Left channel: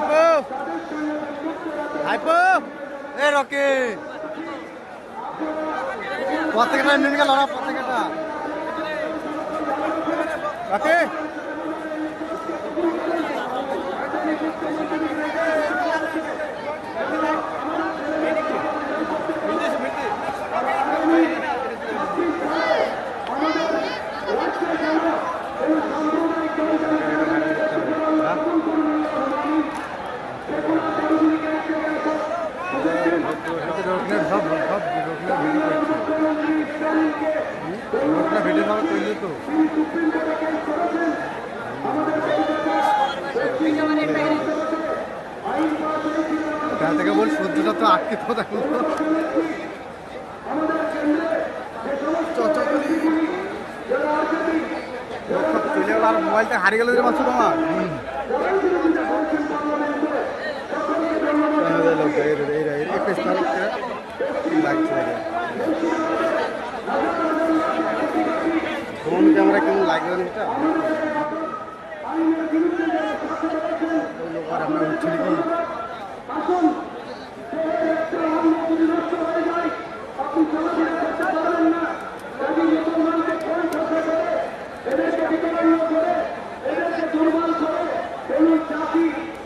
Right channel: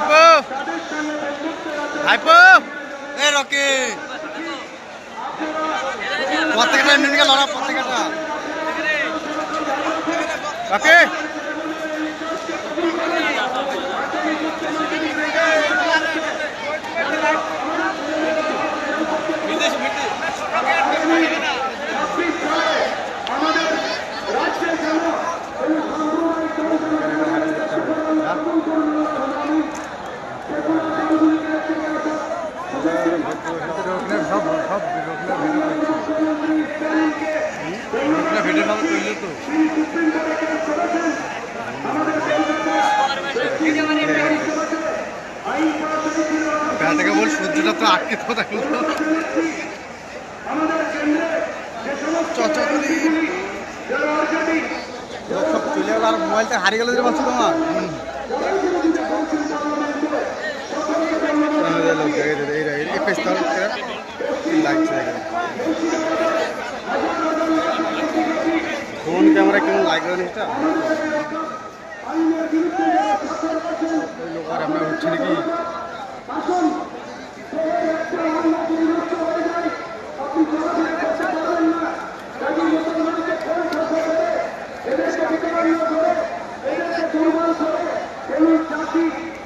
ভাইপো ভাইপো এ রকি পতাকাটা নিয়ে গেল না পতাকাটা রকি থেকে বল সূর্যটা তো আটকে তো থাকলো সব চলে গেল আর মোবাইলটা হারিয়ে গেল মাত্র তোমার লাগছে ফোন ক্যামেরা কেমন লাগবে জিনিসটা ওই লোক আর আমরা উঠছি নাকি জাতি